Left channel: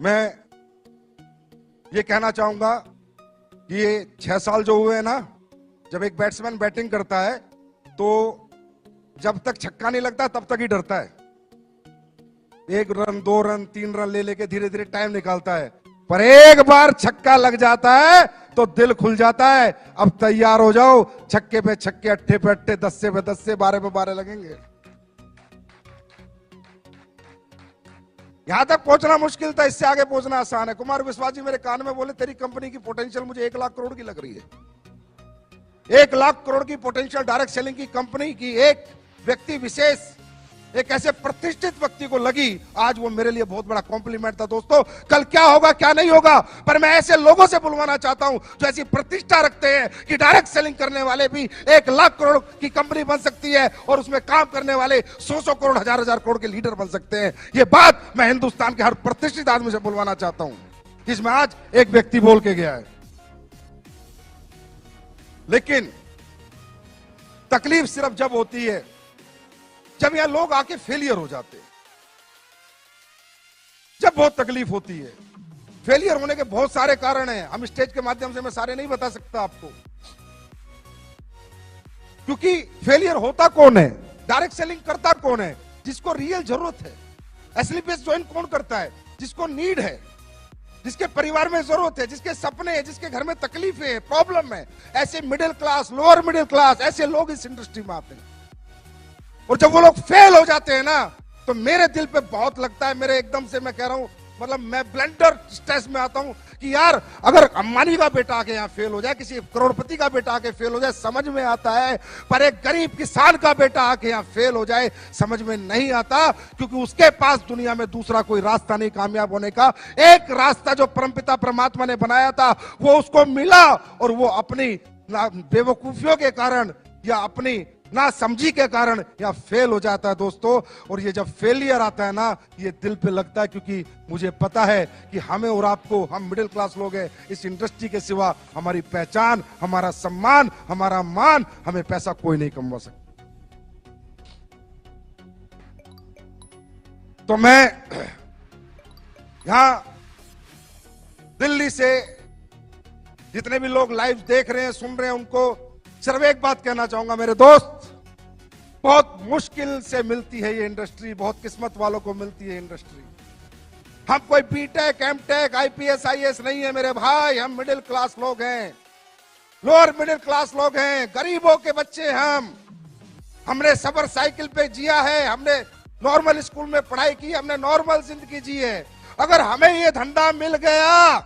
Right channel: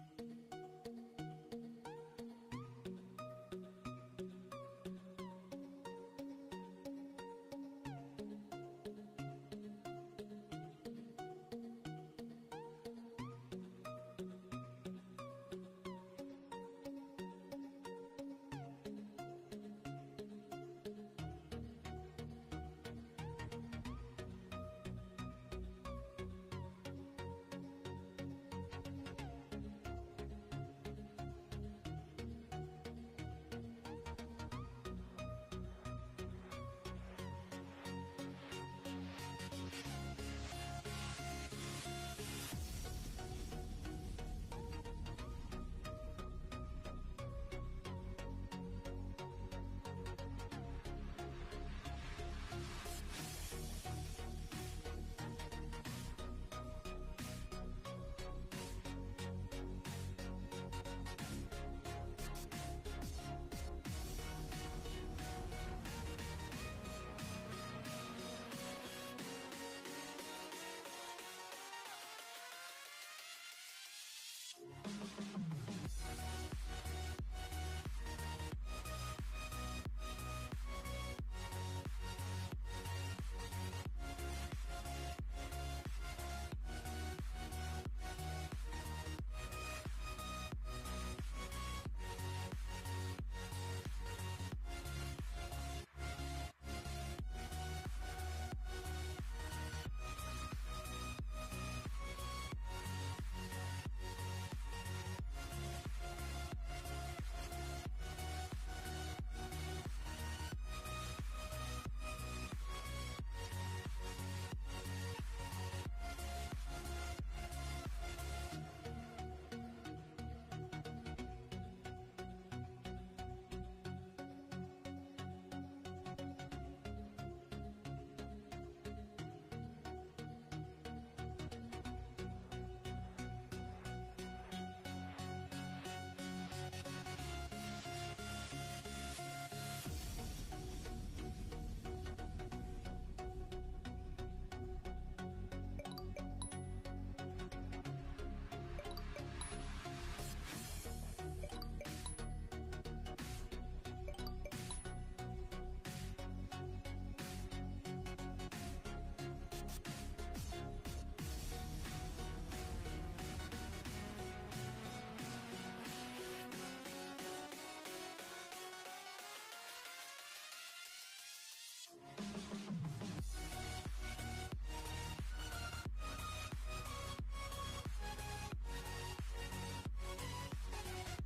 मैं ये कहना चाहूंगा कि ये 6 साल जो हुए हैं ना, जब एक बैट्समैन बैटिंग करता है तो जब तक छक्का नहीं लगता तब तक ही डरता है। 1 रन 2 रन 3 रन ले लेके धीरे धीरे टाइम निकालता है, पर एक बार छक्का लग जाता है तो दिल खुल जाता है। अब तैयार हो जाओ, छक्के पे छक्के, अट्ठे पे अट्ठे, 10 पे 10, 12 पे 12 लगेंगे। यहां तक पहुंचना मुश्किल था, इससे आगे पहुंचना आसान है। कुमार विश्वास जी मेरे कान में बोले, तेरी कंपनी की पोटेंशियल मुझे 1 लाख करोड़ की लग रही है। 1 लाख करोड़ की पोटेंशियल डायरेक्ट सेलिंग की कंपनी की एक व्यक्ति विशेष, एक ऐसे प्रतिष्ठित व्यक्ति को लगी। आज वो मेरे लिए बहुत बड़ा कॉम्प्लीमेंट था। दोस्तों, कल क्या होगा क्या नहीं होगा, पर मैं ऐसे लोगों से बुलवाना चाहता हूं जो ऐसी प्रतिष्ठा रखते हैं कि डायरेक्ट सेलिंग करने वाले भी 1 लाख करोड़ की कंपनी बन सकती है और उसमें काम करने वाले 100 करोड़, 1000 करोड़ के लीडर बन सकते हैं। ये बात मैं हिंदुस्तान के हर प्रतिष्ठित आदमी से बुलवाना चाहता हूं, जिसमें आज एक व्यक्ति बोल के गया है। लेकिन तकलीफ सिर्फ जब होती है जब यहां लोग आके फेलियर हो जाते हैं, जब बहुत तकलीफ होती है। फेलियर होने के बहुत सारे कारण हैं, हम स्टेज के माध्यम से मैं सारे नहीं बता सकता आपको, क्योंकि फेलियर होता कौन है, डायरेक्ट सेलिंग करता कौन है, जिसको रियल जरूरत है। एसलीपीएस ज्वाइन कौन करता है, जिसको नीड है, जिसके परिवार में जरूरत है, जिसके सपने हैं, जिसके घर में तकलीफें है, प्रॉब्लम है। ऐसे middle class, lower middle class, ऐसे लोग इस इंडस्ट्री में आते हैं। और जब वो लोग फेल हो जाते हैं ना, तो मेरे दिल पे बहुत लगता है। मेरे एकदम से मैं कह रहा हूं, मतलब मैं ब्लंडर स्ट्रेस में आता हूं कि यार अगर अंबानी का बेटा आके यहाँ फेल हो जाए, किसी करोड़पति का बेटा आके फेल हो जाए, समझ में आता है, पर एक गरीब किसान का बेटा आके यहाँ फेल हो जाए समझ में नहीं आता, क्योंकि उसके पास दुनिया में दूसरा कोई रास्ता नहीं कामयाब होने का। एक रास्ता जो परमपिता परमात्मा ने बनाया था वो उसको मिला, और वो अपनी बेवकूफियों के कारण या अपनी ना समझी के कारण या फेल हो जाता है दोस्तों। और ये जब फेलियर आता है ना, ये दिल पे लगता है, क्योंकि मुझे पता है कि हमें और आपको, हम मिडिल क्लास लोग हैं, इस इंडस्ट्री के सिवा हमारी पहचान, हमारा सम्मान, हमारा मान, हमें पैसा कोई नहीं कमवा सकता। तो मैं यहां दिल्ली से जितने भी लोग लाइव देख रहे हैं, सुन रहे हैं, उनको सिर्फ एक बात कहना चाहूंगा, मेरे दोस्त, बहुत मुश्किल से मिलती है ये इंडस्ट्री, बहुत किस्मत वालों को मिलती है इंडस्ट्री। हम कोई बीटेक, एमटेक, आईपीएस, आईएएस नहीं है मेरे भाई, हम मिडिल क्लास लोग हैं, लोअर मिडिल क्लास लोग हैं, गरीबों के बच्चे हम। हमने सबर साइकिल पे जिया है, हमने नॉर्मल स्कूल में पढ़ाई की, हमने नॉर्मल जिंदगी जी है। अगर हमें ये धंधा मिल गया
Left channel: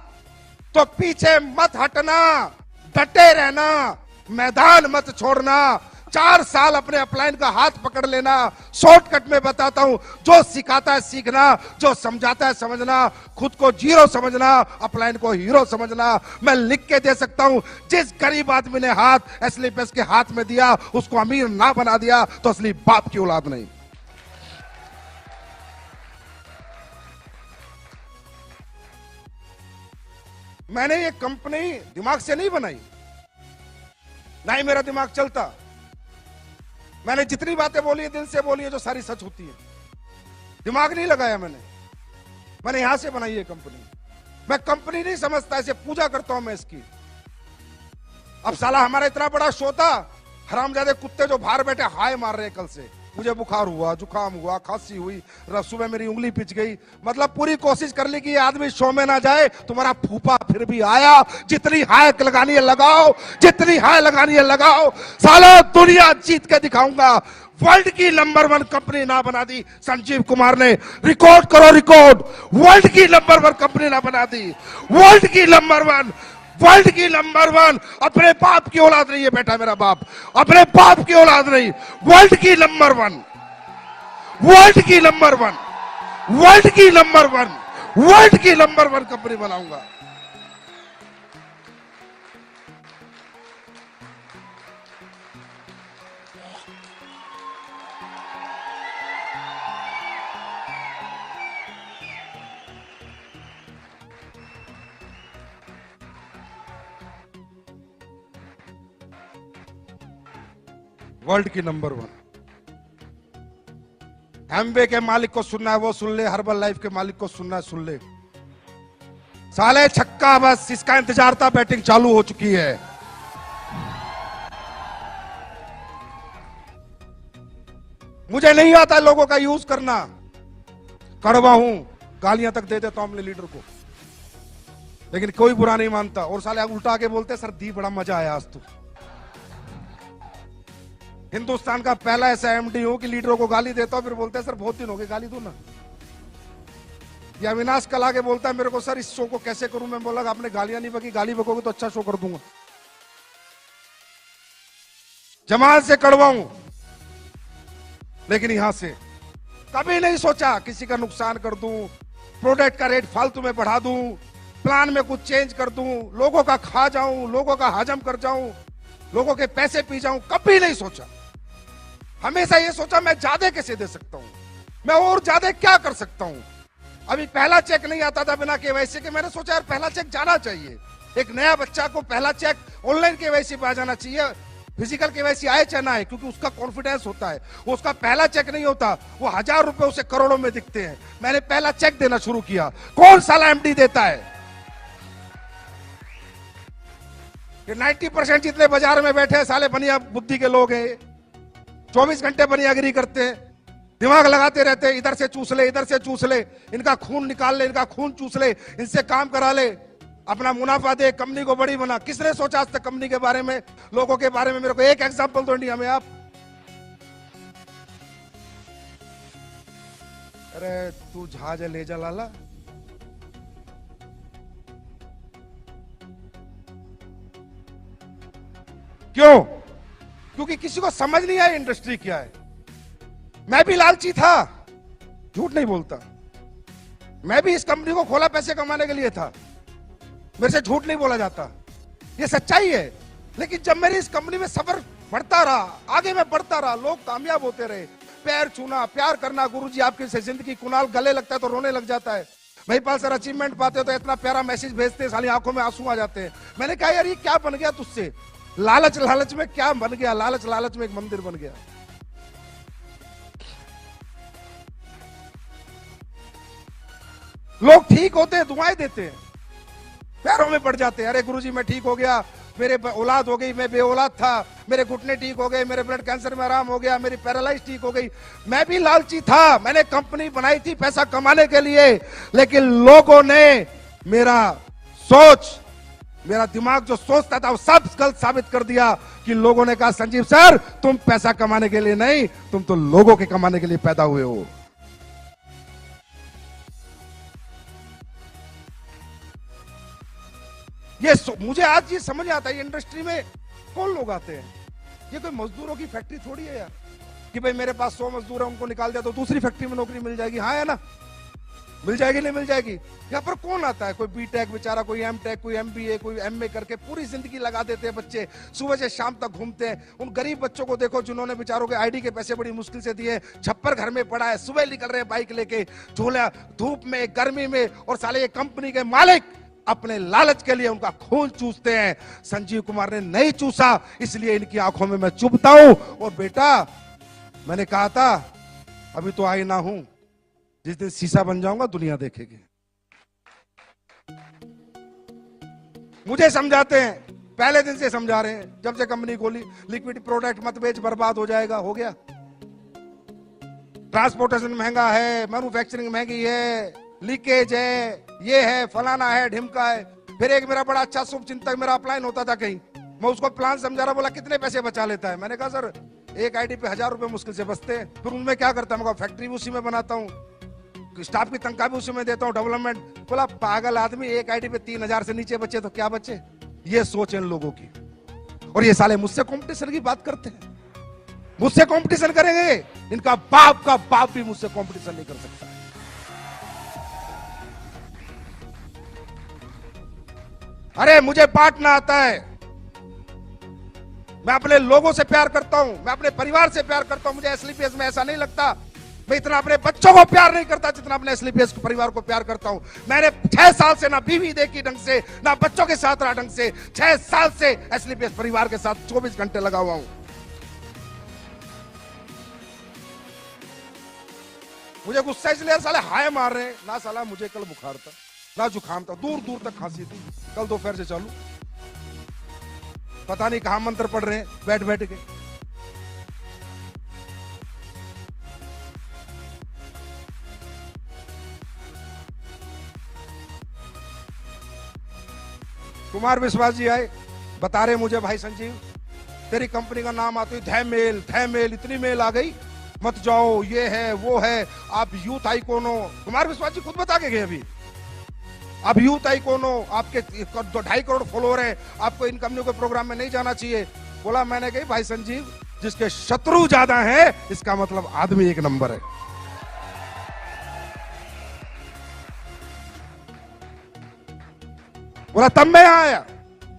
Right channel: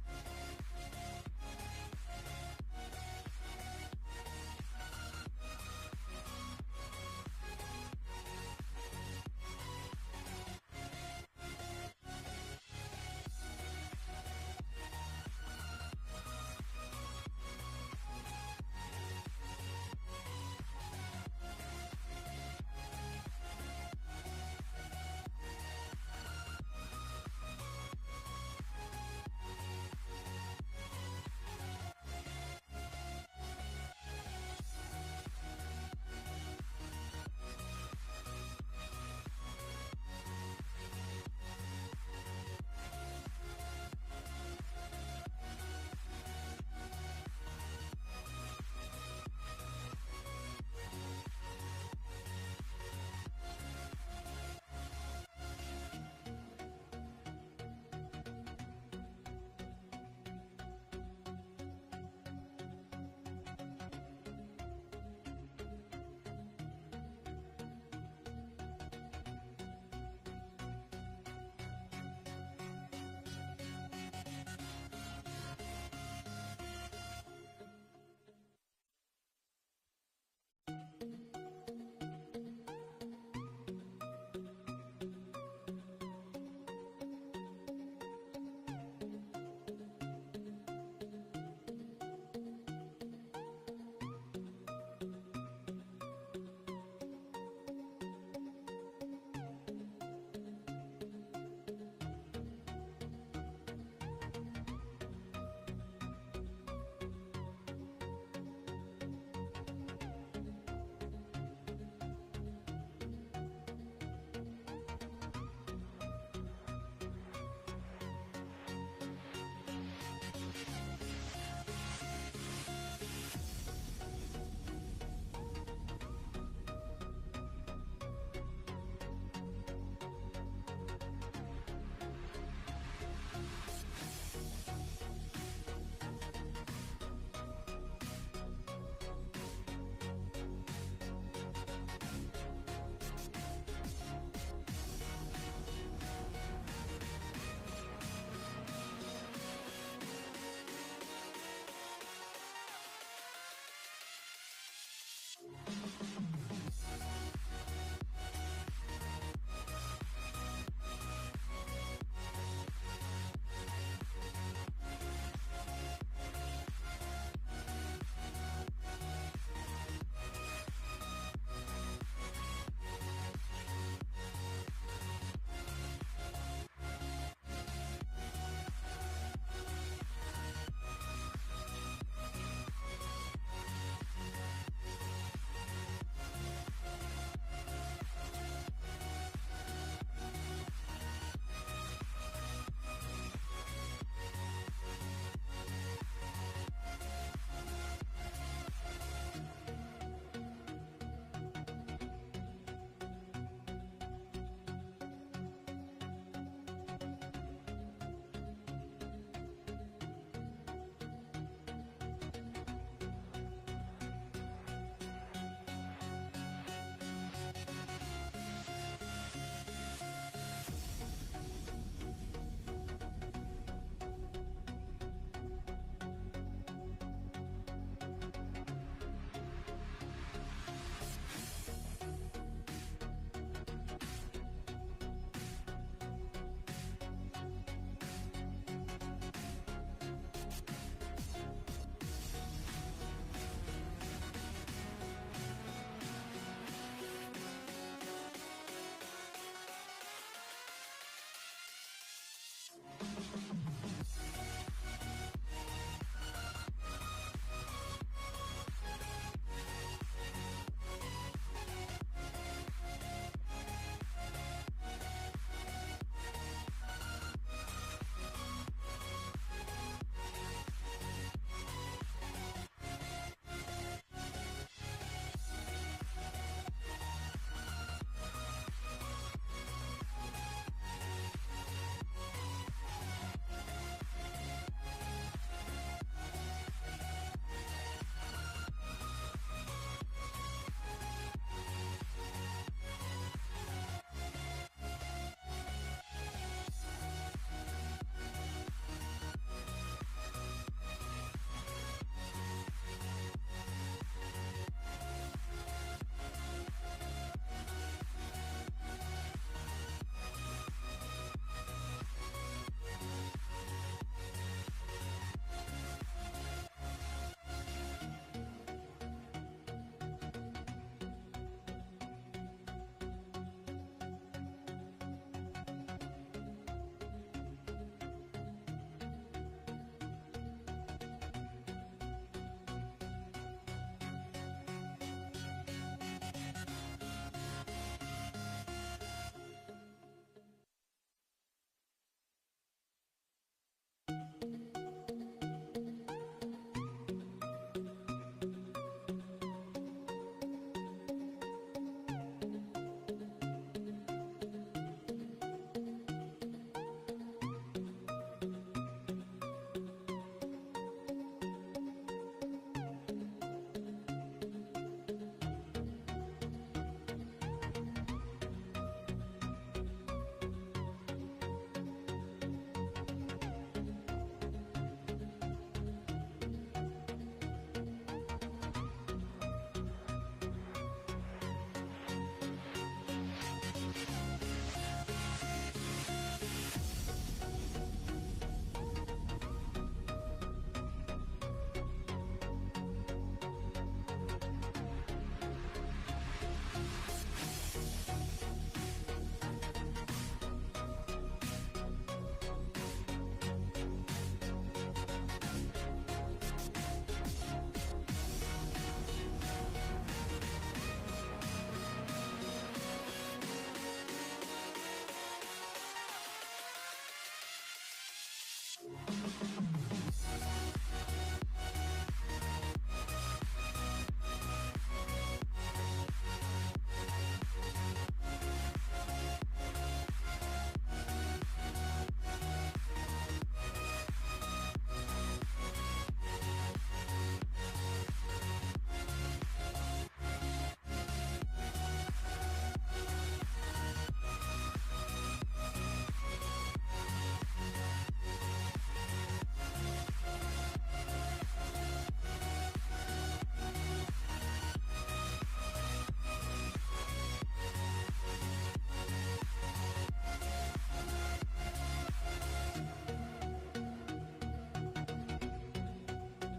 तो पीछे मत हटना, डटे रहना, मैदान मत छोड़ना। 4 साल अपने अपलाइन का हाथ पकड़ लेना। शॉर्टकट में बताता हूं, जो सिखाता है सीखना, जो समझाता है समझना, खुद को जीरो समझना, अपलाइन को हीरो समझना। मैं लिख के दे सकता हूं, जिस गरीब आदमी ने हाथ एसलीपीएस के हाथ में दिया उसको अमीर ना बना दिया तो असली बाप की औलाद नहीं। मैंने ये कंपनी दिमाग से नहीं बनाई, ना ही मेरा दिमाग चलता। मैंने जितनी बातें बोली है दिल से बोली है, जो सारी सच होती है। दिमाग नहीं लगाया मैंने यहां से बनाई है कंपनी। मैं कंपनी नहीं समझता, ऐसे पूजा करता हूं मैं इसकी। अब साला हमारा इतना बड़ा शो था, हरामजादे कुत्ते जो बाहर बैठे हाय मार रहे हैं कल से। मुझे बुखार हुआ, जुकाम हुआ, खांसी हुई, सुबह मेरी उंगली पिच गई। मतलब पूरी कोशिश कर ली कि ये आदमी शो में ना जाए। तुम्हारा फूफा फिर भी आया। जितनी हाय लगानी है लगाओ, जितनी हाय लगानी है लगाओ, साला दुनिया जीत के दिखाऊंगा। वर्ल्ड की नंबर 1 कंपनी ना बना दी संजीव कुमार ने। रिकॉर्ड करो रिकॉर्ड, वर्ल्ड की नंबर 1 कंपनी ना बना दी, वर्ल्ड की नंबर 1, वर्ल्ड की नंबर 1। अपने बाप की औलाद नहीं है बेटा, मेरा बाप अपने बाप की औलाद नहीं। वर्ल्ड की नंबर 1, वर्ल्ड की नंबर 1, वर्ल्ड की नंबर 1, वर्ल्ड की नंबर 1 कंपनी बनाऊंगा। वर्ल्ड की नंबर 1। एमवे के मालिक को सुनना है वो सुन ले, हर्बल लाइफ के मालिक को सुनना है सुन ले। साले छक्का, बस इसका इंतजार था, बैटिंग चालू हो चुकी है। मुझे नहीं आता लोगों का यूज करना, कड़वा हूं, गालियां तक दे देता हूं अपने लीडर को, लेकिन कोई बुरा नहीं मानता। और साले उल्टा के बोलते सर दी बड़ा मजा आया आज तो। हिंदुस्तान का पहला ऐसा एमडी हूं कि लीडरों को गाली देता हूं, फिर बोलते हैं सर बहुत दिन हो गए गाली दो ना। या अविनाश कल आके बोलता है मेरे को सर इस शो को कैसे करूं, मैं बोला आपने गालियां नहीं बकी, गाली बकोगे तो अच्छा शो कर दूंगा। जमात से कड़वा हूं, लेकिन यहां से कभी नहीं सोचा किसी का नुकसान कर दूं, प्रोडक्ट का रेट फालतू में बढ़ा दूं, प्लान में कुछ चेंज कर दूं, लोगों का खा जाऊं, लोगों का हजम कर जाऊं, लोगों के पैसे पी जाऊं, कभी नहीं सोचा। हमेशा ये सोचा मैं ज्यादा कैसे दे सकता हूं, मैं और ज्यादा क्या कर सकता हूं। अभी पहला चेक नहीं आता था बिना केवाईसी के, मैंने सोचा यार पहला चेक जाना चाहिए। एक नया बच्चा को पहला चेक ऑनलाइन केवाईसी पे आ जाना चाहिए, फिजिकल केवाईसी आए चाहे ना आए, क्योंकि उसका कॉन्फिडेंस होता है। वो उसका पहला चेक नहीं होता, वो 1000 रुपए उसे करोड़ों में दिखते हैं। मैंने पहला चेक देना शुरू किया। कौन साला एमडी देता है? ये 90% जितने बाजार में बैठे हैं साले बनिया बुद्धि के लोग हैं, 24 घंटे बनियागिरी करते हैं, दिमाग लगाते रहते हैं, इधर से चूस ले, इधर से चूस ले, इनका खून निकाल ले, इनका खून चूस ले, इनसे काम करा ले, अपना मुनाफा दे, कंपनी को बड़ी बना। किसने सोचा आज तक कंपनी के बारे में, लोगों के बारे में? मेरे को एक एग्जांपल दो इंडिया में आप। अरे तू जहाज ले जा लाला, क्यों? क्योंकि किसी को समझ नहीं आया इंडस्ट्री क्या है। मैं भी लालची था, झूठ नहीं बोलता, मैं भी इस कंपनी को खोला पैसे कमाने के लिए था, मेरे से झूठ नहीं बोला जाता, ये सच्चाई है। लेकिन जब मेरी इस कंपनी में सफर बढ़ता रहा, आगे मैं बढ़ता रहा, लोग कामयाब होते रहे, पैर छूना, प्यार करना, गुरुजी आपकी से जिंदगी, कुणाल गले लगता है तो रोने लग जाता है, महिपाल सर अचीवमेंट पाते हो तो इतना प्यारा मैसेज भेजते हैं, साली आंखों में आंसू आ जाते हैं। मैंने कहा यार ये क्या बन गया तुझसे? लालच लालच में क्या बन गया? लालच लालच में एक मंदिर बन गया। लोग ठीक होते हैं, दुआएं देते हैं, पैरों में पड़ जाते हैं, अरे गुरुजी मैं ठीक हो गया, मेरे औलाद हो गई, मैं बे औलाद था, मेरे घुटने ठीक हो गए, मेरे ब्लड कैंसर में आराम हो गया, मेरी पैरालाइज ठीक हो गई। मैं भी लालची था, मैंने कंपनी बनाई थी पैसा कमाने के लिए, लेकिन लोगों ने मेरा सोच, मेरा दिमाग जो सोचता था वो सब गलत साबित कर दिया। कि लोगों ने कहा संजीव सर तुम पैसा कमाने के लिए नहीं, तुम तो लोगों के कमाने के लिए पैदा हुए हो। ये मुझे आज ये समझ आता है, इंडस्ट्री में कौन लोग आते हैं, ये कोई मजदूरों की फैक्ट्री थोड़ी है यार कि भाई मेरे पास 100 मजदूर है, उनको निकाल दिया तो दूसरी फैक्ट्री में नौकरी मिल जाएगी। हाँ है ना, मिल जाएगी नहीं मिल जाएगी। यहाँ पर कौन आता है? कोई बीटेक बेचारा, कोई एमटेक, कोई एमबीए, कोई एमए करके पूरी जिंदगी लगा देते हैं बच्चे, सुबह से शाम तक घूमते हैं। उन गरीब बच्चों को देखो जिन्होंने बेचारों के आईडी के पैसे बड़ी मुश्किल से दिए, छप्पर घर में पड़ा है, सुबह निकल रहे हैं बाइक लेके, झोला धूप में गर्मी में, और साले ये कंपनी के मालिक अपने लालच के लिए उनका खून चूसते हैं। संजीव कुमार ने नहीं चूसा, इसलिए इनकी आंखों में मैं चुभता हूं। और बेटा मैंने कहा था अभी तो आईना हूं, जिस दिन शीशा बन जाऊंगा दुनिया देखेगी। मुझे समझाते हैं, पहले दिन से समझा रहे हैं, जब से कंपनी खोली, लिक्विड प्रोडक्ट मत बेच, बर्बाद हो जाएगा। हो गया। ट्रांसपोर्टेशन महंगा है, मैन्युफैक्चरिंग महंगी है, लीकेज है, ये है, फलाना है, ढिमका है। फिर एक मेरा बड़ा अच्छा शुभ चिंतक मेरा अपलाइन होता था कहीं, मैं उसको प्लान समझा रहा, बोला कितने पैसे बचा लेता है? मैंने कहा सर एक आईडी पे 1000 रुपए मुश्किल से बचते हैं। फिर उनमें क्या करता हूँ, फैक्ट्री भी उसी में बनाता हूँ, स्टाफ की तनख्वाह भी उसी में देता हूँ, डेवलपमेंट। बोला पागल आदमी, एक आईडी पे 3000 से नीचे बचे तो क्या बचे? ये सोच है इन लोगों की। और ये साले मुझसे कंपटीशन की बात करते हैं, मुझसे कंपटीशन करेंगे, इनका बाप का बाप भी मुझसे कंपटीशन नहीं कर सकता। अरे मुझे बांटना आता है, मैं अपने लोगों से प्यार करता हूं, मैं अपने परिवार से प्यार करता हूं। मुझे एसलीपीएस में ऐसा नहीं लगता मैं इतना अपने बच्चों को प्यार नहीं करता जितना अपने एसलीपीएस परिवार को प्यार करता हूं। मैंने 6 साल से ना बीवी देखी ढंग से, ना बच्चों के साथ रहा ढंग से। 6 साल से एसलीपीएस परिवार के साथ 24 घंटे लगा हुआ हूं। मुझे गुस्सा इसलिए साले हाय मार रहे हैं ना, साला मुझे कल बुखार था, ना जुकाम था, दूर दूर तक खांसी थी। कल दोपहर से चालू, पता नहीं कहां मंत्र पढ़ रहे हैं बैठ बैठ के। कुमार विश्वास जी आए, बता रहे मुझे, भाई संजीव तेरी कंपनी का नाम आते ही मेल इतनी मेल आ गई, मत जाओ, ये है वो है, आप यूथ आइकॉन हो। कुमार विश्वास जी खुद बता के गए अभी, आप यूथ आइकॉन हो, आपके 2.5 करोड़ फॉलोअर है, आपको इन कंपनियों के प्रोग्राम में नहीं जाना चाहिए। बोला मैंने कही भाई संजीव, जिसके शत्रु ज्यादा है इसका मतलब आदमी एक नंबर है। बोला तब मैं यहां आया,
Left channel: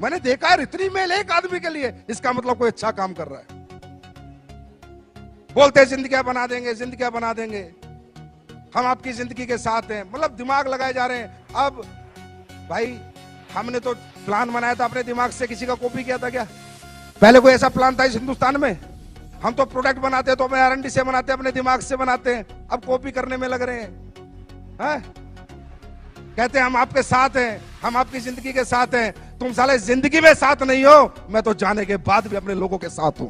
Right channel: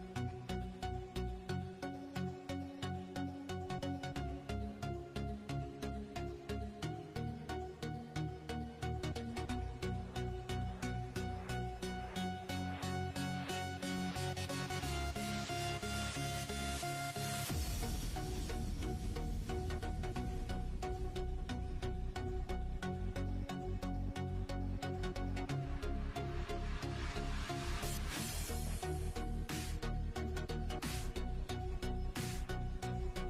मैंने देखा है इतनी मेल एक आदमी के लिए, इसका मतलब कोई अच्छा काम कर रहा है। बोलते जिंदगियां बना देंगे, जिंदगियां बना देंगे, हम आपकी जिंदगी के साथ हैं, मतलब दिमाग लगाए जा रहे हैं। अब भाई हमने तो प्लान बनाया था अपने दिमाग से, किसी का कॉपी किया था क्या? पहले कोई ऐसा प्लान था इस हिंदुस्तान में? हम तो प्रोडक्ट बनाते हैं तो अपने R&D से बनाते हैं, अपने दिमाग से बनाते हैं, अब कॉपी करने में लग रहे हैं। कहते हैं हम आपके साथ हैं, हम आपकी जिंदगी के साथ हैं। तुम साले जिंदगी में साथ नहीं हो, मैं तो जाने के बाद भी अपने लोगों के साथ हूं।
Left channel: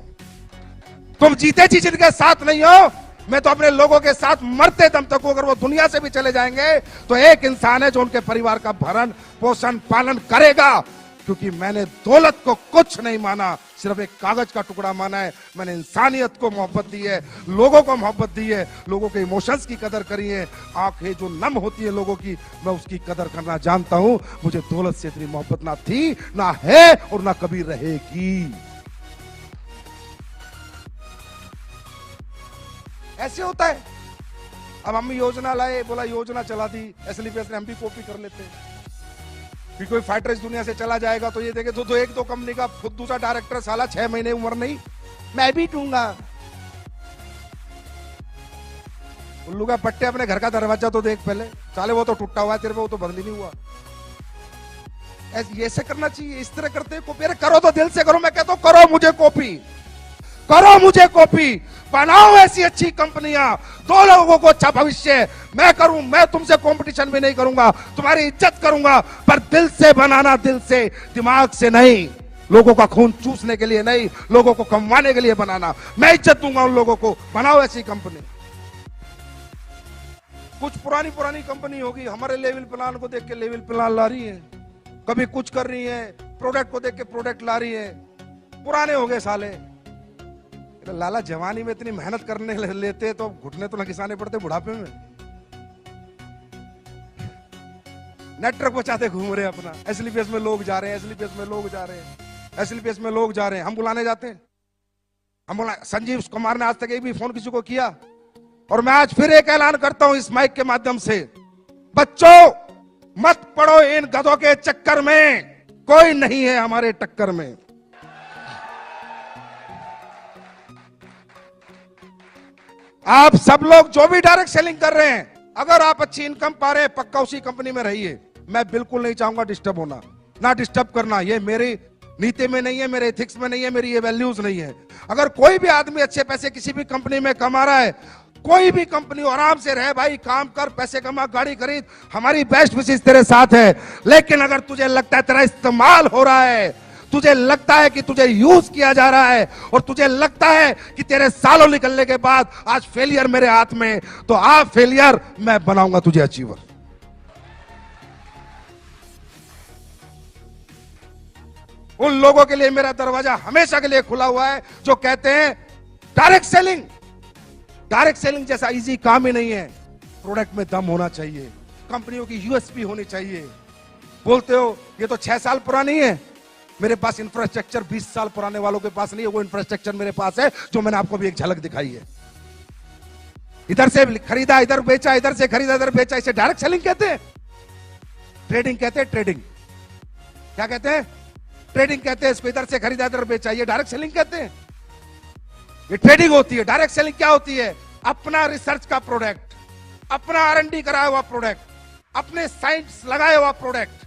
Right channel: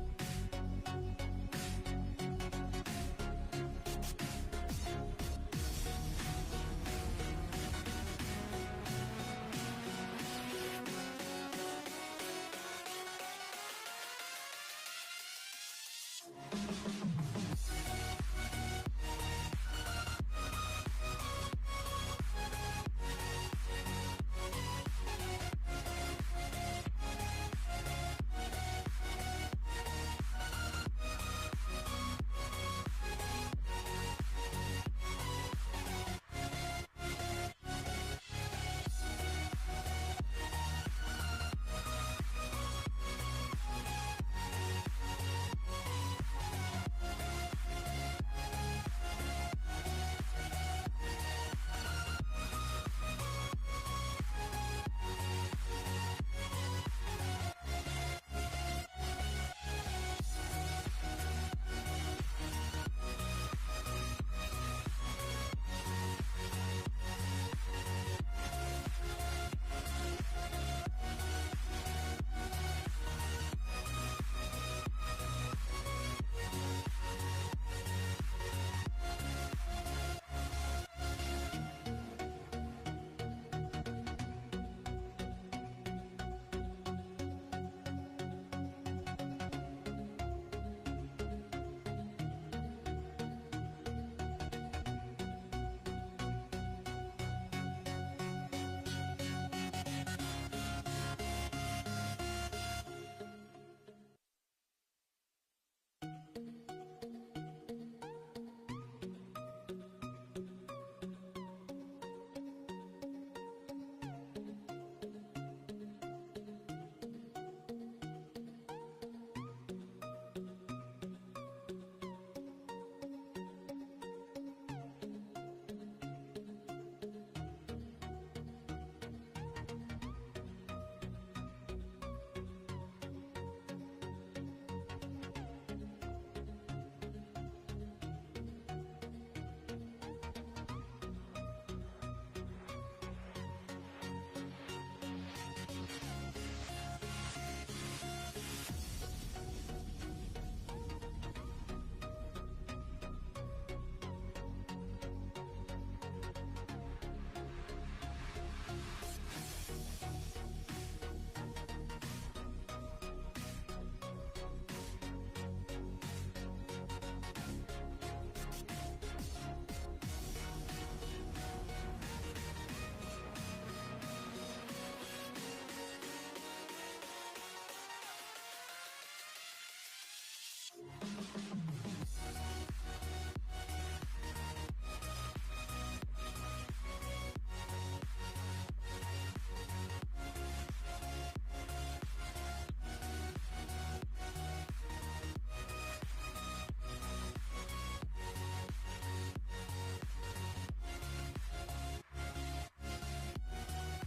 तुम जीते जी जिनके साथ नहीं हो, मैं तो अपने लोगों के साथ मरते दम तक हूं। अगर वो दुनिया से भी चले जाएंगे तो एक इंसान है जो उनके परिवार का भरण पोषण पालन करेगा, क्योंकि मैंने दौलत को कुछ नहीं माना, सिर्फ एक कागज का टुकड़ा माना है। मैंने इंसानियत को मोहब्बत दी है, लोगों को मोहब्बत दी है, लोगों के इमोशंस की कदर करी है। आंखें जो नम होती है लोगों की, मैं उसकी कदर करना जानता हूं। मुझे दौलत से इतनी मोहब्बत ना थी, ना है और ना कभी रहेगी। ऐसे होता है। अब हम योजना लाए, बोला योजना चला दी, SLPS ने, हम भी कॉपी कर लेते हैं। फिर कोई फाइटर इस दुनिया से चला जाएगा तो ये देखे तो एक दो कंपनी का खुद दूसरा डायरेक्टर साला 6 महीने उम्र नहीं, मैं भी दूंगा। उल्लू का पट्टे, अपने घर का दरवाजा तो देख पहले, साले वो तो टूटा हुआ है, तेरे पे वो तो बंद ही नहीं हुआ। ऐसे करना चाहिए, इस तरह करते हैं कॉपी। अरे करो तो दिल से करो, मैं कहता हूं करो मुझे कॉपी, करो मुझे कॉपी, बनाओ ऐसी अच्छी कंपनियां, दो लोगों को अच्छा भविष्य। मैं करूं, मैं तुमसे कंपटीशन भी नहीं करूंगा, तुम्हारी इज्जत करूंगा, पर दिल से बनाना, दिल से, दिमाग से नहीं। लोगों का खून चूसने के लिए नहीं, लोगों को कमवाने के लिए बनाना। मैं इज्जत दूंगा उन लोगों को, बनाओ ऐसी कंपनी। कुछ पुरानी कंपनी होगी, हमारे लेवल प्लान को देख के लेवल प्लान ला रही है, कभी कुछ कर रही है, प्रोडक्ट को देख के प्रोडक्ट ला रही है। पुराने हो गए साले। लाला जवानी में इतनी मेहनत करने लेते तो घुटने तो न घिसाने पड़ते बुढ़ापे में। नेटवर्क बचाते घूम रहे अपना, SLPS में लोग जा रहे हैं, SLPS में लोग जा रहे हैं, SLPS में लोग जा रहे हैं। हम बुलाने जाते हैं, हम बोला संजीव कुमार ने आज तक एक भी फोन किसी को किया। और मैं आज फिर एक ऐलान करता हूं इस माइक के माध्यम से, बच्चों मत पड़ो इन गधों के चक्कर में, कोई नहीं है हमारे टक्कर में। आप सब लोग जो भी डायरेक्ट सेलिंग कर रहे हैं, अगर आप अच्छी इनकम पा रहे हैं, पक्का उसी कंपनी में रहिए। मैं बिल्कुल नहीं चाहूंगा डिस्टर्ब होना, ना डिस्टर्ब करना, ये मेरी नीति में नहीं है, मेरे एथिक्स में नहीं है, मेरी ये वैल्यूज नहीं है। अगर कोई भी आदमी अच्छे पैसे किसी भी कंपनी में कमा रहा है, कोई भी कंपनी, आराम से रहे भाई, काम कर, पैसे कमा, गाड़ी खरीद, हमारी बेस्ट विशेष तेरे साथ है। लेकिन अगर तुझे लगता है तेरा इस्तेमाल हो रहा है, तुझे लगता है कि तुझे यूज किया जा रहा है, और तुझे लगता है कि तेरे सालों निकलने के बाद आज फेलियर मेरे हाथ में, तो आप फेलियर, मैं बनाऊंगा तुझे अचीवर। उन लोगों के लिए मेरा दरवाजा हमेशा के लिए खुला हुआ है जो कहते हैं डायरेक्ट सेलिंग, डायरेक्ट सेलिंग जैसा इजी काम ही नहीं है। प्रोडक्ट में दम होना चाहिए, कंपनियों की USP होनी चाहिए। बोलते हो ये तो 6 साल पुरानी है, मेरे पास इंफ्रास्ट्रक्चर 20 साल पुराने वालों के पास नहीं है, वो इंफ्रास्ट्रक्चर मेरे पास है, जो मैंने आपको भी एक झलक दिखाई है। इधर से खरीदा, इधर बेचा, इधर से खरीदा, इधर बेचा, इसे डायरेक्ट सेलिंग कहते हैं। ट्रेडिंग कहते हैं, ट्रेडिंग क्या कहते हैं? ट्रेडिंग कहते हैं इसको। इधर से खरीदा, इधर बेचा, ये डायरेक्ट सेलिंग कहते हैं। ये ट्रेडिंग होती है। डायरेक्ट सेलिंग क्या होती है? अपना रिसर्च का प्रोडक्ट, अपना R&D कराया हुआ प्रोडक्ट, अपने साइंस लगाया हुआ प्रोडक्ट,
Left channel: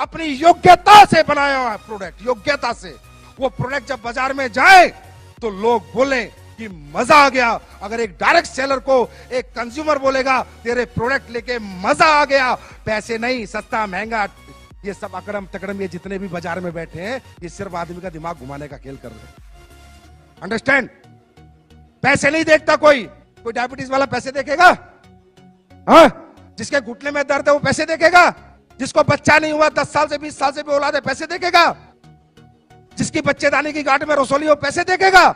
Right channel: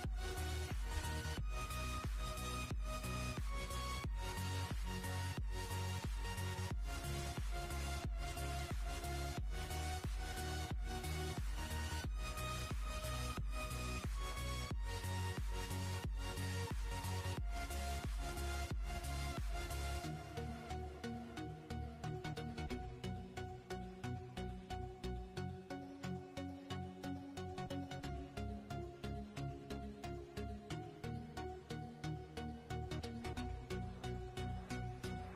अपनी योग्यता से बनाया हुआ प्रोडक्ट, योग्यता से। वो प्रोडक्ट जब बाजार में जाए तो लोग बोले कि मजा आ गया। अगर एक डायरेक्ट सेलर को एक कंज्यूमर बोलेगा तेरे प्रोडक्ट लेके मजा आ गया, पैसे नहीं, सस्ता महंगा, ये सब अकड़म तकड़म, ये जितने भी बाजार में बैठे हैं, ये सिर्फ आदमी का दिमाग घुमाने का खेल कर रहे हैं। अंडरस्टैंड? पैसे नहीं देखता कोई डायबिटीज वाला पैसे देखेगा? हाँ? जिसके घुटने में दर्द है वो पैसे देखेगा? जिसको बच्चा नहीं हुआ 10 साल से 20 साल से भी औलाद है, पैसे देखेगा? जिसकी बच्चेदानी की गांठ में रसोली हो, पैसे देखेगा?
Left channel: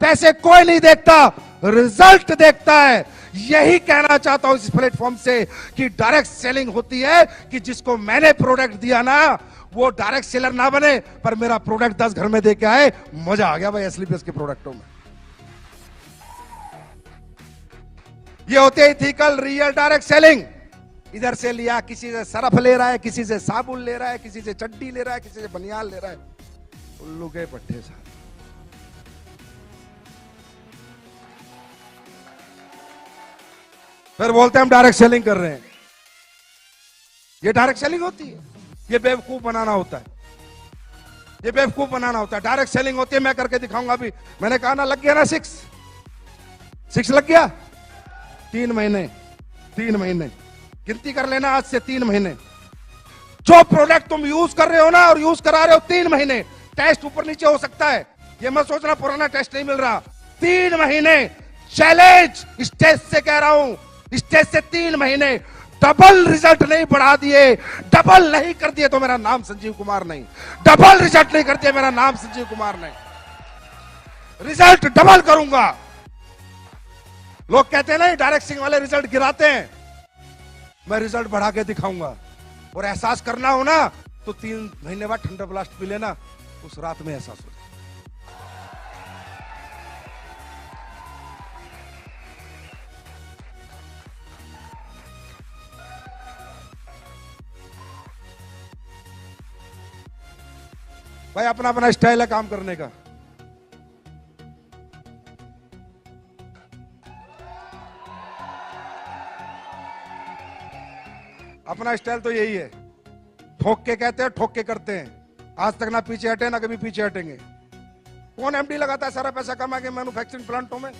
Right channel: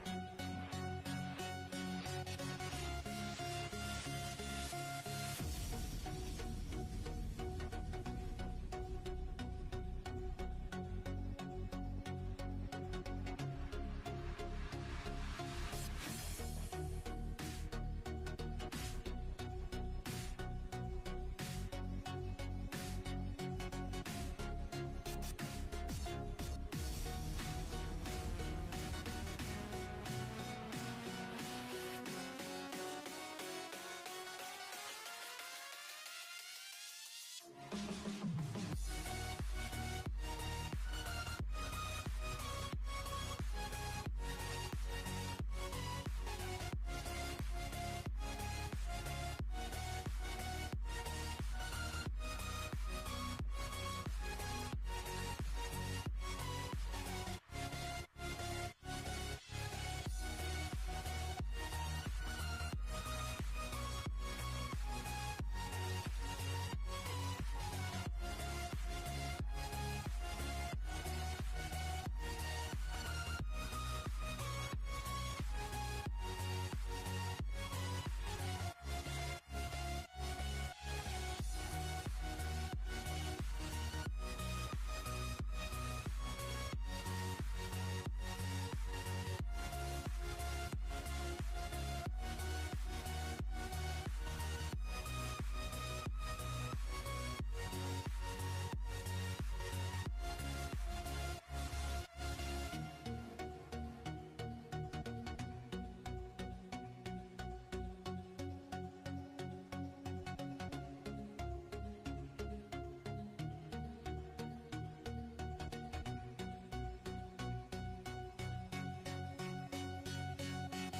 पैसे कोई नहीं देखता, रिजल्ट देखता है। यही कहना चाहता हूं इस प्लेटफॉर्म से कि डायरेक्ट सेलिंग होती है कि जिसको मैंने प्रोडक्ट दिया ना, वो डायरेक्ट सेलर ना बने, पर मेरा प्रोडक्ट 10 घर में दे के आए, मजा आ गया भाई एसलीपीएस के प्रोडक्टों में। ये होते ही थी कल रियल डायरेक्ट सेलिंग। इधर से लिया, किसी से सरफ ले रहा है, किसी से साबुन ले रहा है, किसी से चड्डी ले रहा है, किसी से बनियान ले रहा है, उल्लू के पट्टे से। फिर बोलते हैं हम डायरेक्ट सेलिंग कर रहे हैं। ये डायरेक्ट सेलिंग होती है? ये बेवकूफ बनाना होता है, ये बेवकूफ बनाना होता है। डायरेक्ट सेलिंग होती है, मैं करके दिखाऊंगा अभी। मैंने कहा ना, लग गया ना 6 लग गया। 3 महीने, 3 महीने गिनती कर लेना, आज से 3 महीने। जो प्रोडक्ट तुम यूज कर रहे हो ना और यूज करा रहे हो 3 महीने, टेस्ट ऊपर नीचे हो सकता है, ये मत सोचना पुराना टेस्ट नहीं मिल रहा। 3 महीने चैलेंज, स्टेज से कह रहा हूं, स्टेज से 3 महीने डबल रिजल्ट नहीं बढ़ा दिए, डबल नहीं कर दिए तो मेरा नाम संजीव कुमार नहीं। डबल रिजल्ट नहीं कर दिया, मेरा नाम संजीव कुमार नहीं। रिजल्ट डबल करूंगा। लोग कहते हैं ना डायरेक्ट सेलिंग वाले रिजल्ट गिराते हैं, मैं रिजल्ट बढ़ा के दिखाऊंगा। और एहसास करना हो ना तो 3 महीने बाद ठंडा ब्लास्ट पी लेना, उस रात में एहसास हो। भाई अपना अपना स्टाइल है काम करने का। अपना स्टाइल तो यही है, ठोक के कहते हैं, ठोक के करते हैं। आज तक ना पीछे हटे ना कभी पीछे हटेंगे। कौन एमडी लगाता है सारा पैसा कमा के मैन्युफैक्चरिंग प्लांटों में?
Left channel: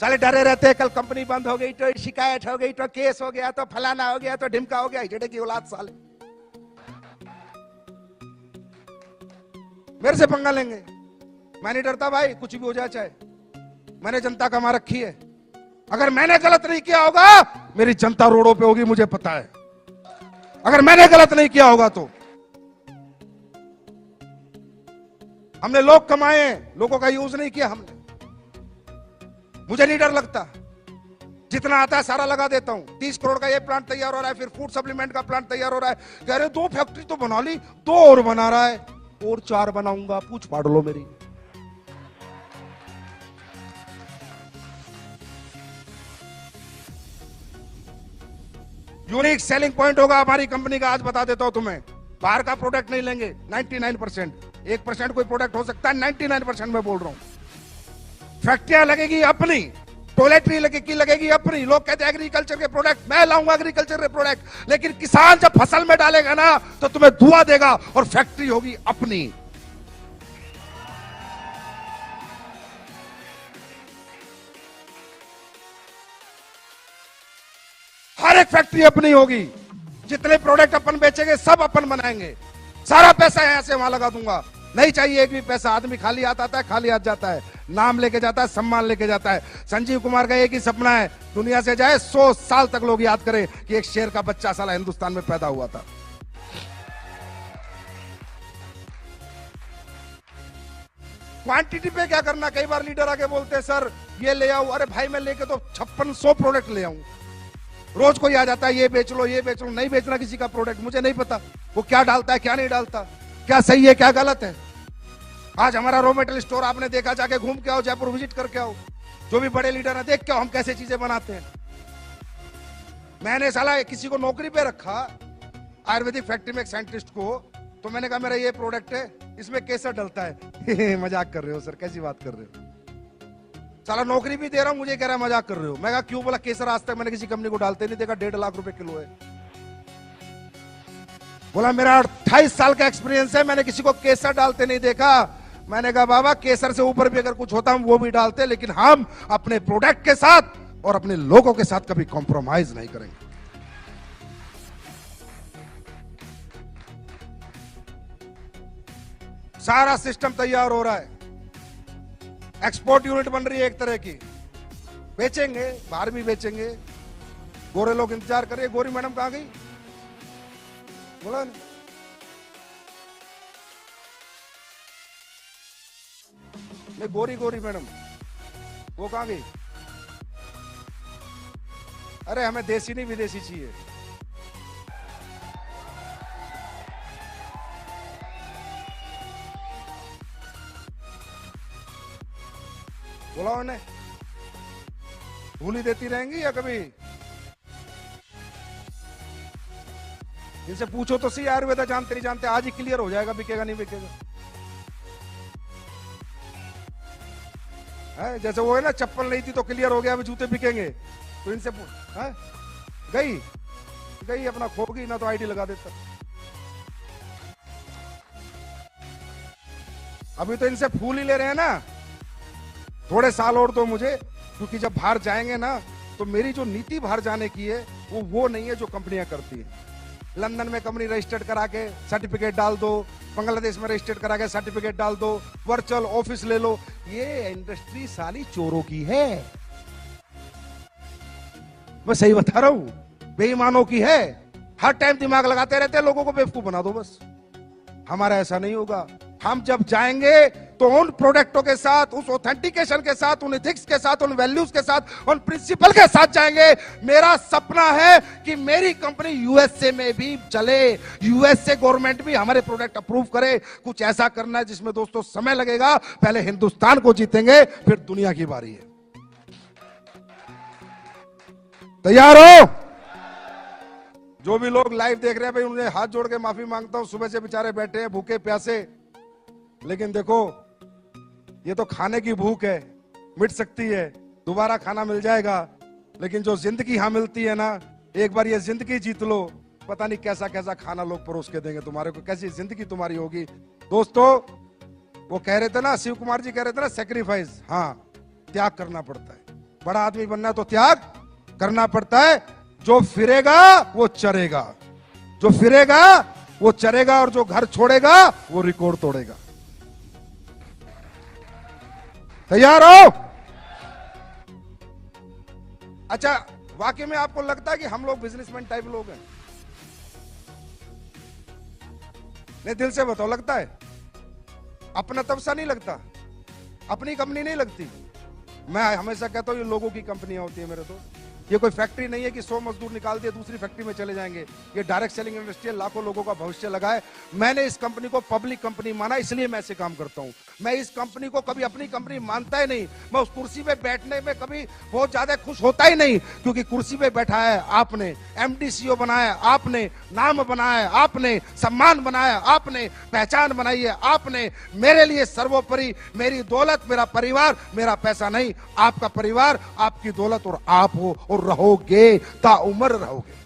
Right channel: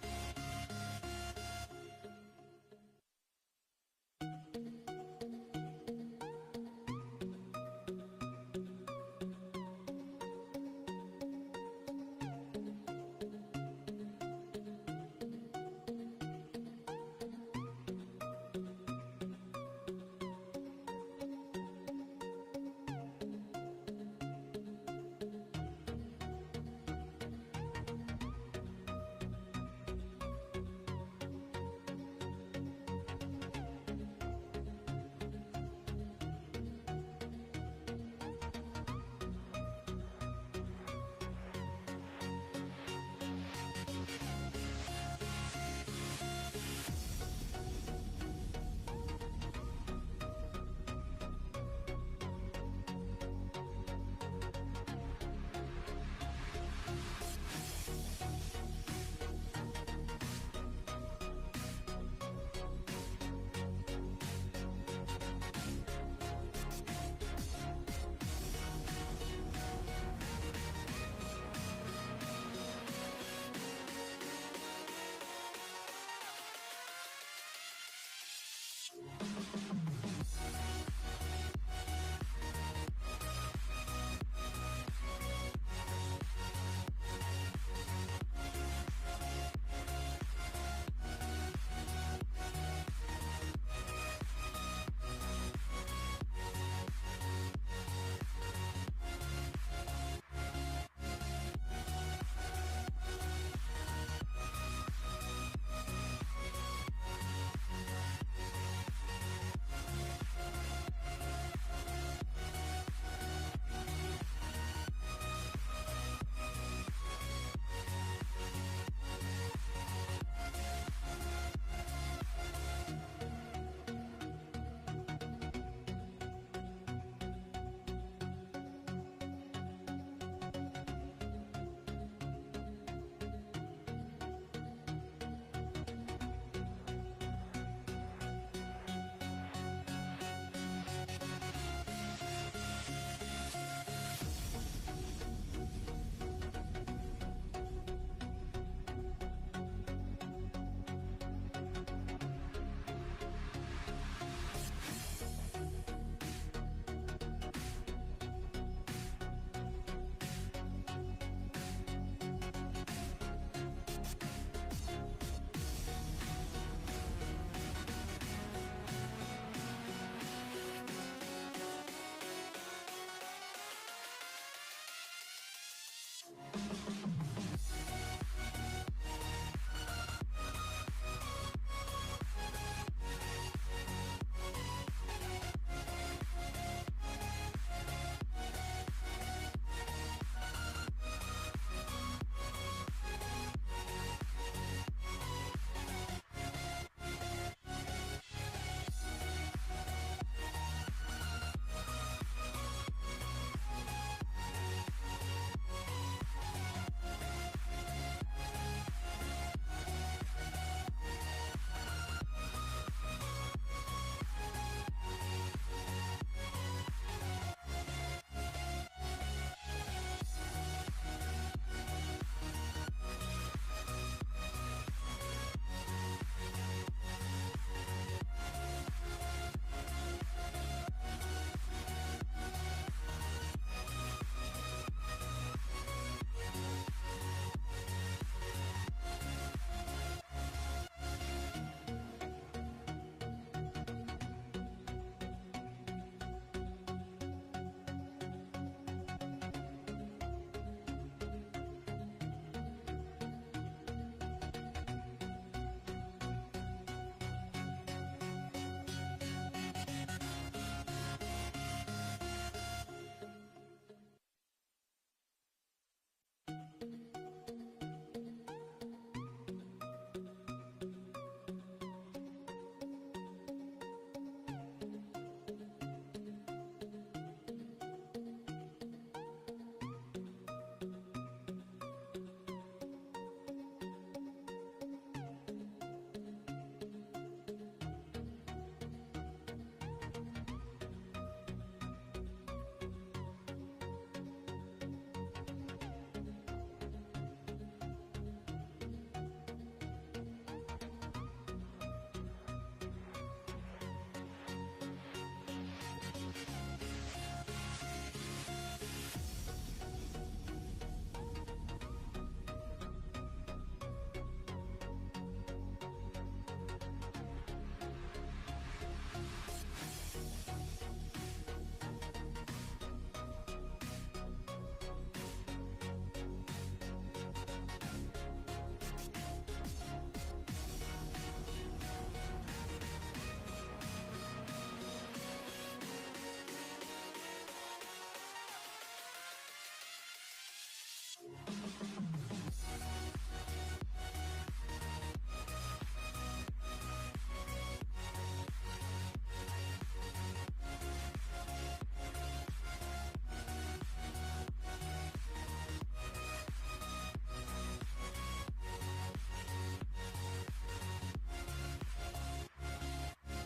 साले डरे रहते हैं, कल कंपनी बंद हो गई तो शिकायत हो गई तो केस हो गया तो फलाना हो गया तो ढिमका हो गया। हिजड़े की औलाद साले मेरे से पंगा लेंगे। मैं नहीं डरता भाई, कुछ भी हो जाए चाहे। मैंने जनता कमा रखी है, अगर मैंने गलत नहीं किया होगा मेरी जनता रोडों पे होगी, मुझे पता है। अगर मैंने गलत नहीं किया होगा तो हमने लोग कमाए, लोगों का यूज नहीं किया हमने। मुझे नहीं डर लगता, जितना आता है सारा लगा देता हूं। 30 करोड़ का ये प्लांट तैयार हो रहा है, फिर फूड सप्लीमेंट का प्लांट तैयार हो रहा है। कह रहे 2 फैक्ट्री तो बना ली, 2 और बना रहा है, और 4 बनाऊंगा, पूछ फाड़ लो मेरी। यूनिक सेलिंग पॉइंट होगा हमारी कंपनी का, आज बता देता हूं तुम्हें। बाहर का प्रोडक्ट नहीं लेंगे, 99%। 1% कोई प्रोडक्ट हो सकता है, 99% मैं बोल रहा हूं। फैक्ट्रियां लगेगी अपनी, टॉयलेटरी लगेगी अपनी। लोग कहते हैं एग्रीकल्चर के प्रोडक्ट, मैं लाऊंगा एग्रीकल्चर के प्रोडक्ट, लेकिन किसान जब फसल में डालेगा ना तो तुम्हें धुआं देगा, और फैक्ट्री होगी अपनी। हर एक फैक्ट्री अपनी होगी, जितने प्रोडक्ट अपन बेचेंगे सब अपन बनाएंगे। सारा पैसा यहां से वहां लगा दूंगा, नहीं चाहिए एक भी पैसा। आदमी खाली हाथ आता है, खाली हाथ जाता है, नाम लेके जाता है, सम्मान लेके जाता है। संजीव कुमार का एक ही सपना है, दुनिया से जाए 100 साल तक लोग याद करें कि एक शेर का बच्चा साला हिंदुस्तान में पैदा हुआ था। क्वांटिटी पे क्या करना, कई बार लीडर आके बोलते हैं सर ये ले आओ, अरे भाई मैं लेके तो 5600 प्रोडक्ट ले आऊं। रोज कोई आ जाता है ये बेच लो ये बेच लो, नहीं बेचना किसी का प्रोडक्ट, मुझे नहीं पता वो क्या डालता है क्या नहीं डालता, क्या सही है क्या गलत है। आज हमारा रॉ मटेरियल स्टोर आपने देखा, जाके घूम के आओ, जयपुर विजिट करके आओ, जो भी बड़े लीडर है देख के आओ हम कैसे चीजें बनाते हैं। मैंने साला किसी को नौकरी पे रखा आयुर्वेदिक फैक्ट्री में एक साइंटिस्ट को, तो मैंने कहा मेरा ये प्रोडक्ट है, इसमें केसर डलता है। मजाक कर रहे हो सर, कैसी बात कर रहे हो, साला नौकरी भी दे रहा हूं, मुझे कह रहा है मजाक कर रहे हो। मैं कहा क्यों? बोला केसर आज तक मैंने किसी कंपनी को डालते नहीं देखा, 1.5 लाख रुपए किलो है। बोला मेरा 28 साल का एक्सपीरियंस है, मैंने किसी को केसर डालते नहीं देखा। मैंने कहा बाबा केसर से ऊपर भी अगर कुछ होता हम वो भी डालते, लेकिन हम अपने प्रोडक्ट के साथ और अपने लोगों के साथ कभी कॉम्प्रोमाइज नहीं करेंगे। सारा सिस्टम तैयार हो रहा है, एक्सपोर्ट यूनिट बन रही है एक तरह की, बेचेंगे, बाहर भी बेचेंगे। गोरे लोग इंतजार कर रहे। गोरी मैडम कहां गई? बोला नहीं, गोरी मैडम वो कहां गई? अरे हमें देसी नहीं विदेशी चाहिए। बोला उन्हें, भूली देती रहेंगी या कभी? इनसे पूछो तो सही, आयुर्वेदा जानते नहीं जानते, आज ही क्लियर हो जाएगा बिकेगा नहीं बिकेगा। है जैसे वो है ना, चप्पल नहीं थी तो क्लियर हो गया अब जूते बिकेंगे। तो इनसे है? गई अपना खोगी ना तो आईडी लगा देता। अभी तो इनसे फूल ही ले रहे हैं ना, थोड़े साल और तो मुझे, क्योंकि जब बाहर जाएंगे ना तो मेरी जो नीति बाहर जाने की है वो नहीं है जो कंपनियां करती है। लंदन में कंपनी रजिस्टर्ड करा के सर्टिफिकेट डाल दो, बांग्लादेश में रजिस्टर्ड करा के सर्टिफिकेट डाल दो, वर्चुअल ऑफिस ले लो। ये इंडस्ट्री साली चोरों की है, मैं सही बता रहा हूं, बेईमानों की है। हर टाइम दिमाग लगाते रहते हैं, लोगों को बेवकूफ बना दो बस। हमारा ऐसा नहीं होगा। हम जब जाएंगे तो उन प्रोडक्टों के साथ, उस ऑथेंटिकेशन के साथ, उन एथिक्स के साथ, उन वैल्यूज के साथ, उन प्रिंसिपल के साथ जाएंगे। मेरा सपना है कि मेरी कंपनी यूएसए में भी चले, यूएसए गवर्नमेंट भी हमारे प्रोडक्ट अप्रूव करे। कुछ ऐसा करना है जिसमें दोस्तों समय लगेगा। पहले हिंदुस्तान को जीतेंगे, फिर दुनिया की बारी है। तैयार हो? जो भी लोग लाइव देख रहे हैं भाई, उन्हें हाथ जोड़ के माफी मांगता हूं। सुबह से बेचारे बैठे हैं भूखे प्यासे, लेकिन देखो ये तो खाने की भूख है, मिट सकती है, दोबारा खाना मिल जाएगा। लेकिन जो जिंदगी यहां मिलती है ना, एक बार ये जिंदगी जीत लो, पता नहीं कैसा कैसा खाना लोग परोस के देंगे तुम्हारे को, कैसी जिंदगी तुम्हारी होगी। दोस्तों वो कह रहे थे ना, शिव कुमार जी कह रहे थे ना, सेक्रीफाइस, हाँ त्याग करना पड़ता है। बड़ा आदमी बनना है तो त्याग करना पड़ता है। जो फिरेगा वो चरेगा, जो फिरेगा वो चरेगा, और जो घर छोड़ेगा वो रिकॉर्ड तोड़ेगा। तैयार हो? अच्छा, वाकई में आपको लगता है कि हम लोग बिजनेसमैन टाइप लोग हैं? नहीं, दिल से बताओ, लगता है? अपना तब सा नहीं लगता, अपनी कंपनी नहीं लगती। मैं हमेशा कहता हूं ये लोगों की कंपनियां होती है मेरे तो। ये कोई फैक्ट्री नहीं है कि 100 मजदूर निकाल दिए दूसरी फैक्ट्री में चले जाएंगे। ये डायरेक्ट सेलिंग इंडस्ट्री है, लाखों लोगों का भविष्य लगा है। मैंने इस कंपनी को पब्लिक कंपनी माना, इसलिए मैं ऐसे काम करता हूं। मैं इस कंपनी को कभी अपनी कंपनी मानता ही नहीं। मैं उस कुर्सी पे बैठने में कभी बहुत ज्यादा खुश होता ही नहीं, क्योंकि कुर्सी पे बैठा है आपने, एमडी सीईओ बनाया आपने, नाम बनाया आपने, सम्मान बनाया आपने, पहचान बनाई है आपने। मेरे लिए सर्वोपरि मेरी दौलत, मेरा परिवार, मेरा पैसा नहीं, आपका परिवार, आपकी दौलत और आप हो, और रहोगे, ताउम्र रहोगे।